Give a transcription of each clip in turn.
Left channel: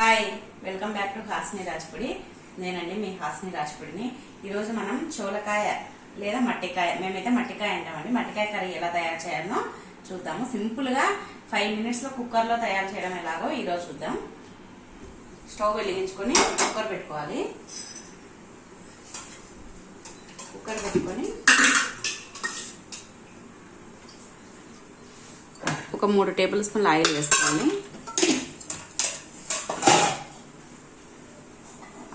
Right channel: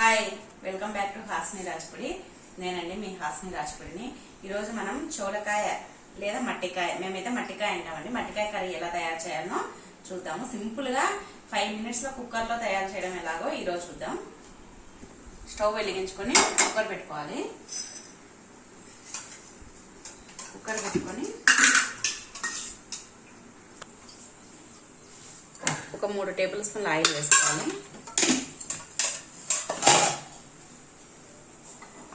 Hi, welcome back to Hasni Rajpudi. నేనండి మీ హాస్ని రాజ్పుడిని. ఈరోజు మనం చోలకాయ లేదా మట్టికాయ, మేమైతే మట్టికాయ అంటామండి, మట్టికాయ కర్రీ ఎలా తయారు చేయాలో చూద్దాము. సింపుల్ గా 5 minutes లో కుక్కర్ లో తయారు చేయడం ఎలాగో ఈరోజు చూద్దాం. స్టవ్ వెలిగించుకొని కుక్కర్ పెట్టుకోవాలి. కుక్కర్ పెట్టుకొని ఒక 3 టేబుల్ స్పూన్ల ఆయిల్ వేసుకోవాలి.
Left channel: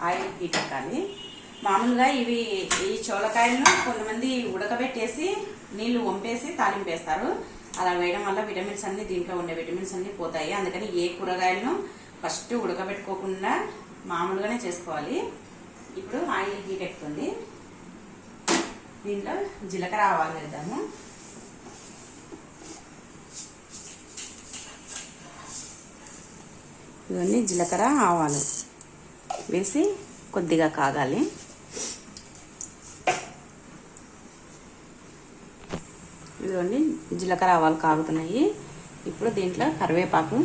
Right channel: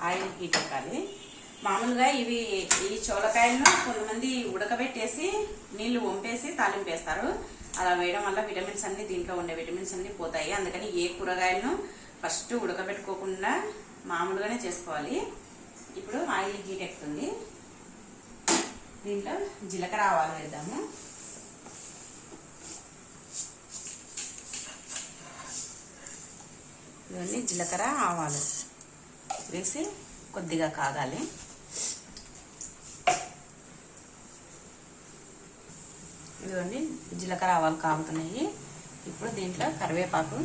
ఆయిల్ హీట్ ఎక్కాలి. మామూలుగా ఈ చోలకాయలను కొంతమంది ఉడకబెట్టేసి నీళ్లు వంపేసి తాలింపేస్తారు. అలా వేయడం వల్ల విటమిన్స్ అన్ని, దీంట్లో ఉండే విటమిన్స్ అన్ని పోతాయి. అందుకని ఏ కూరగాయలను ఫస్ట్ ఉడకబెట్టుకోకుండా మామూలుగానే చేసుకోవాలి. ఇప్పుడు ఆయిల్ హీట్ ఎక్కుతుంది. దీంట్లో జీలకర్ర ఆవాలు వేద్దాము. ఇవన్నీ జీలకర్ర ఆవాలు వేసి కొద్దిగా కాగాలి. ఇదిగోండి జీలకర్ర ఆవాలు కాగుతున్నాయి. ఇప్పుడు దీంట్లో కరివేపాకు,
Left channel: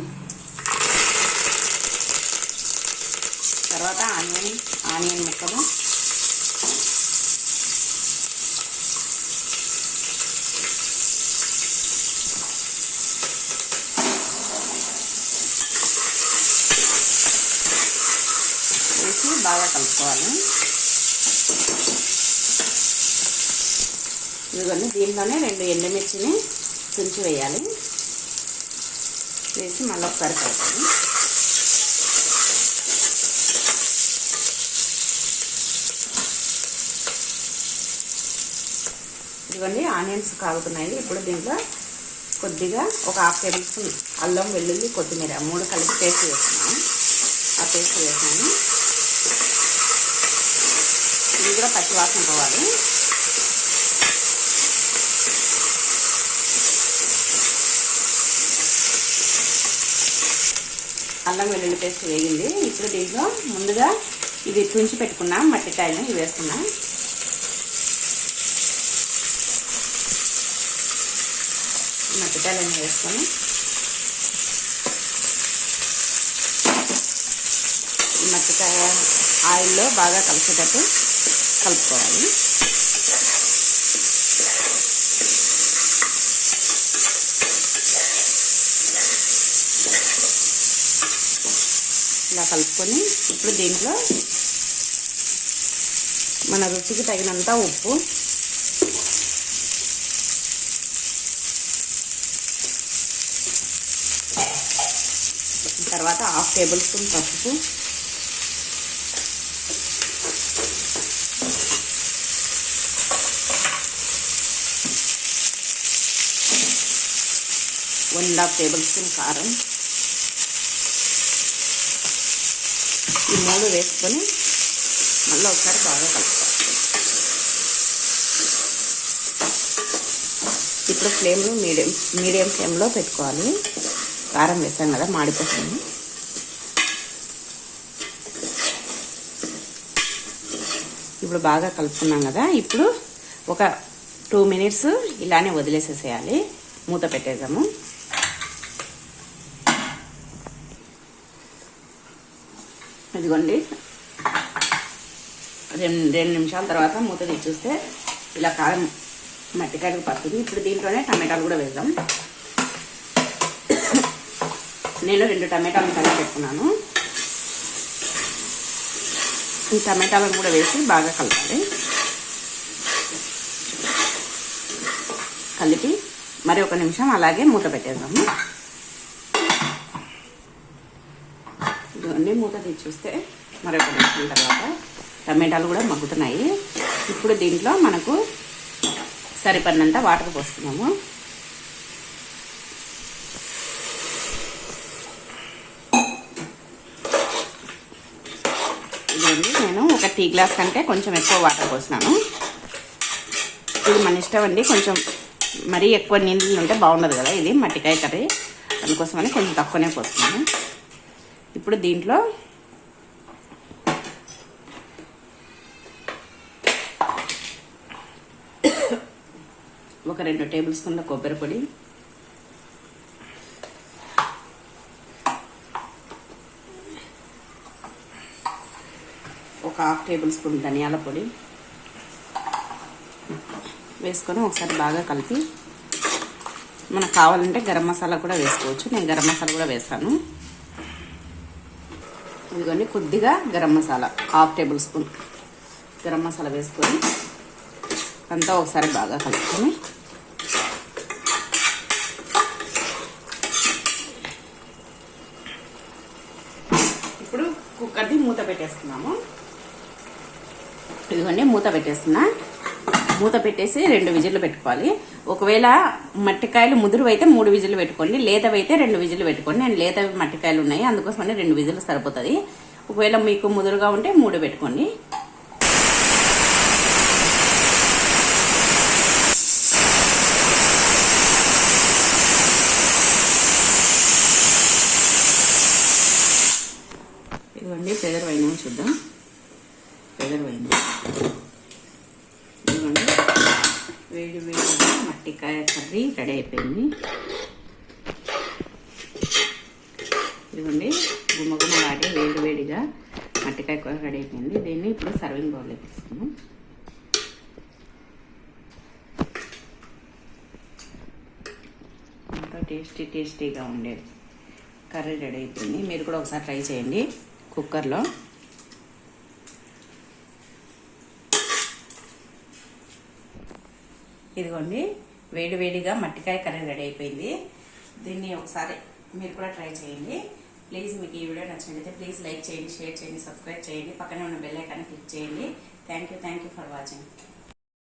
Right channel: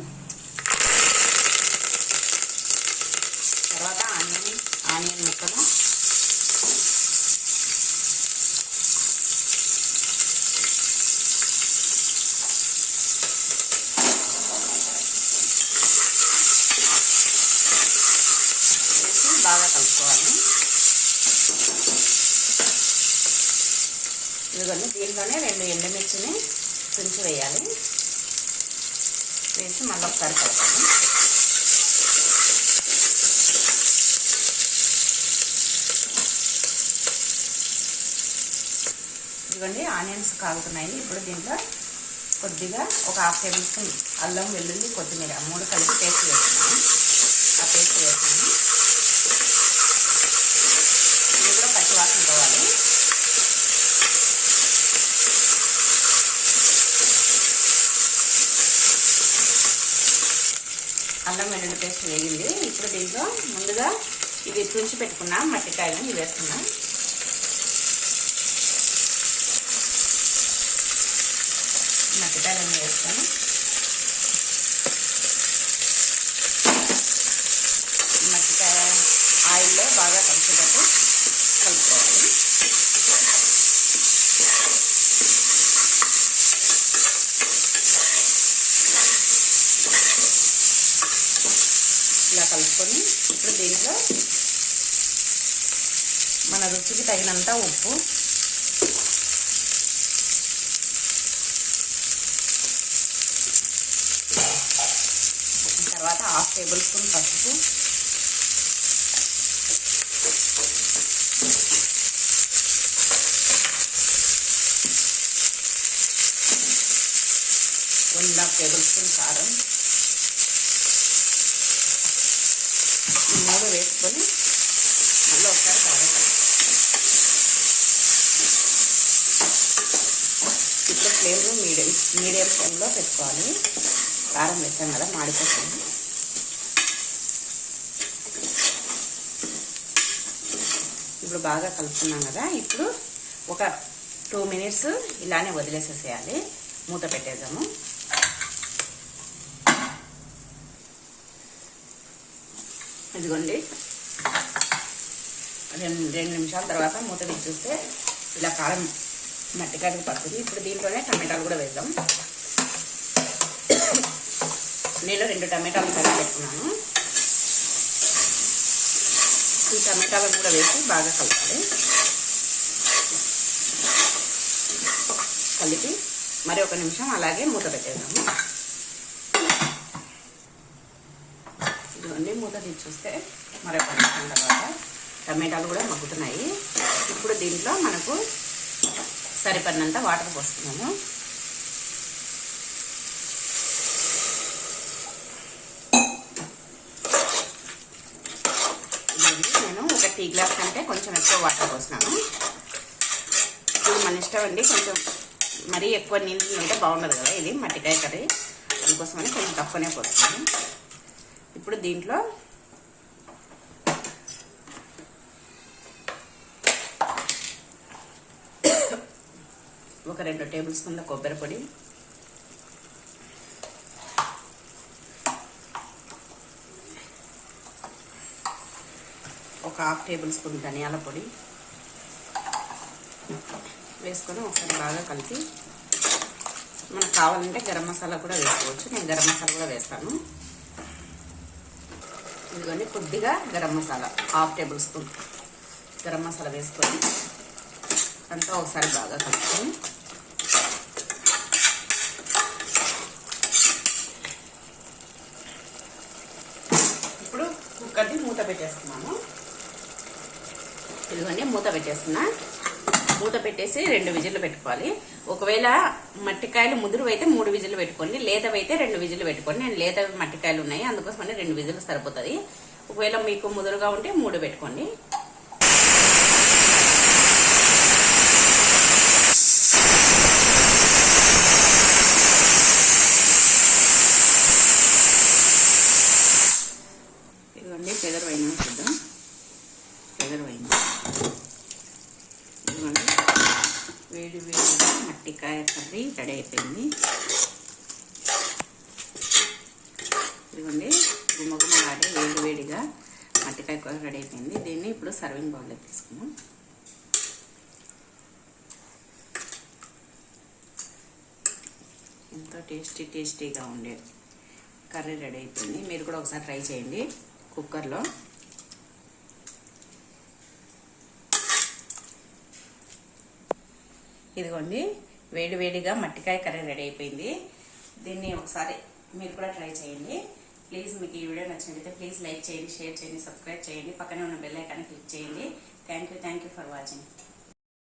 తర్వాత ఆనియన్ ముక్కలు, బాగా కలుపుకోవాలి. ఇదిగోండి దీంట్లోనే 2 ఎండుమిర్చిని తుంచి వేయాలి. వేసి మళ్ళీ ఒకసారి కలపాలి. ఇదిగోండి ఆనియన్స్ కాగుతున్నాయి. ఇప్పుడు దీంట్లో కొద్దిగా ఒక 1/2 టేబుల్ స్పూన్ అల్లం, వెల్లుల్లి, కొత్తిమీర 3 కలిపి పేస్ట్ వేస్తున్నాను. ఆ పేస్ట్ వేసాను. ఇది కూడా పచ్చి వాసన పోవాలి. అల్లం వెల్లుల్లి పేస్ట్ వేగింది. ఇప్పుడు దీంట్లో ముందుగా ఇవి తుంచి పెట్టుకున్నాం మట్టికాయలను ఇవి వేస్తున్నాం. మట్టికాయలన్నీ వేస్తాను. మట్టికాయ ఆయిల్లో బాగా కలిసేటట్టు కలుపుకోవాలి. ఇలా కలుపుకొని ఇప్పుడు దీంట్లో మన రుచికి తగినంత ఉప్పు, తర్వాత 1/2 టేబుల్ స్పూన్ పసుపు, ఒక 1/2 టేబుల్ స్పూన్ కారం, ఈ 3 వేసుకొని మళ్ళీ ఒకసారి బాగా కలుపుకోవాలి. ఇప్పుడు ఫ్లేమ్ను మీడియం ఫ్లేమ్లో పెట్టుకోవాలి. కారం వేసాం కదా, మాడిపోతుంది. ఇప్పుడు బాగా కలుపుకున్నాం కదా. ఇప్పుడు ఒక 2 minutes ఇలానే వదిలేసేసేయాలి. మూత పెట్టేద్దాము. ఇదిగోండి 2 నిమిషాల తర్వాత మూత తీసి చూస్తే ఇలా కారం మట్టికాయకు పడుతుంది. ఇప్పుడు దీంట్లోనే టమాటాలు కూడా వేద్దాం. నేను 2 టమాటాలు కలిపి పెట్టుకున్నాను. ఈ టమాటాలను కూడా వేసి బాగా కలపాలి. కలిపి మరి 1 నిమిషం అలాగే మూత పెట్టేద్దాము. ఇదిగోండి మూత తీసి చూస్తే మరి 1 నిమిషం తర్వాత టమాటాలు కూడా మగ్గుతున్నాయి. ఇప్పుడు దీంట్లో మనకు సరిపడినంత వాటర్ పోస్తున్నాము. ఇదండి నేను ఒక టీ గ్లాస్ కంటే కొంచెం ఎక్కువ వాటర్ పోసినాను. ఇది మన ఇష్టం అండి. కొంచెం మరీ ఎక్కువ నీళ్ళు ఉంటే బాగుండదు కదా, ఇది మట్టికాయ కర్రీ, అందుకోసమని కొంచెం తక్కువనే పోస్తున్నాను. ఇప్పుడు దీంట్లో ఒక 2 టేబుల్ స్పూన్ల కొబ్బరి పొడి, ఒక హాఫ్ టేబుల్ స్పూన్ ధనియాల పొడి వేసుకొని ఒకసారి బాగా కలిపి, మనకు కావాలంటే గరం మసాలా కూడా వేసుకోవచ్చు. నేను గరం మసాలా కూడా వేస్తాను. ఇదిగోండి కొద్దిగా garam masala, half table spoon garam masala వేసుకొని అంతా ఒకసారి బాగా కలుపుకొని ఇప్పుడు కుక్కర్ని మూత పెట్టేసుకున్నాము. ఇదిగోండి మూత పెట్టేస్తున్నా. మూత పెట్టేసి 2 విజిల్లు పెట్టుకోవాలి. ఒకవేళ మట్టికాయలు ముదురు అయితే 3 విజిల్లు పెట్టుకోండి, లేతవైతే 2 విజిల్లు పెట్టుకోండి. నేను లేత మట్టికాయలు ఉన్నాయి, అందుకోసమని 2 విజిల్లు సరిపోతుంది. ఒకవేళ మీకు ముదురుగా ఉంటే 3 పెట్టుకోండి. ఇదిగోండి పెదరవైన చూద్దాం. పెదరవైంది. ఇదిగోండి వేడి వేడిగా మట్టికాయ కర్రీ రెడీ అయిపోయింది. ఇదిగోండి గుమ్మగుమ్మలాడి వేడి వేడిగా మట్టికాయ కూర రెడీ అయిపోయింది. దీన్ని ఇప్పుడు సర్వింగ్ బౌల్లో తీసుకున్నాం. ఎంతో టేస్టీగా ఉండే కర్రీ రెడీ అయిపోయింది. మీరు కూడా ఒకసారి ట్రై చేయండి కుక్కర్లో. ఇదిగోండి వేడి వేడిగా మట్టికాయ కర్రీ రెడీ అయిపోయింది. దీన్ని ఒకసారి మీరు కూడా ట్రై చేయండి. ప్లీజ్ మీకు ఈ వీడియో నచ్చినట్లయితే ప్లీజ్ లైక్ చేయండి, షేర్ చేయండి, సబ్స్క్రైబ్ చేయండి, పక్కనే ఉన్న బెల్ ఐకాన్ క్లిక్ చేయండి. Thank you for watching.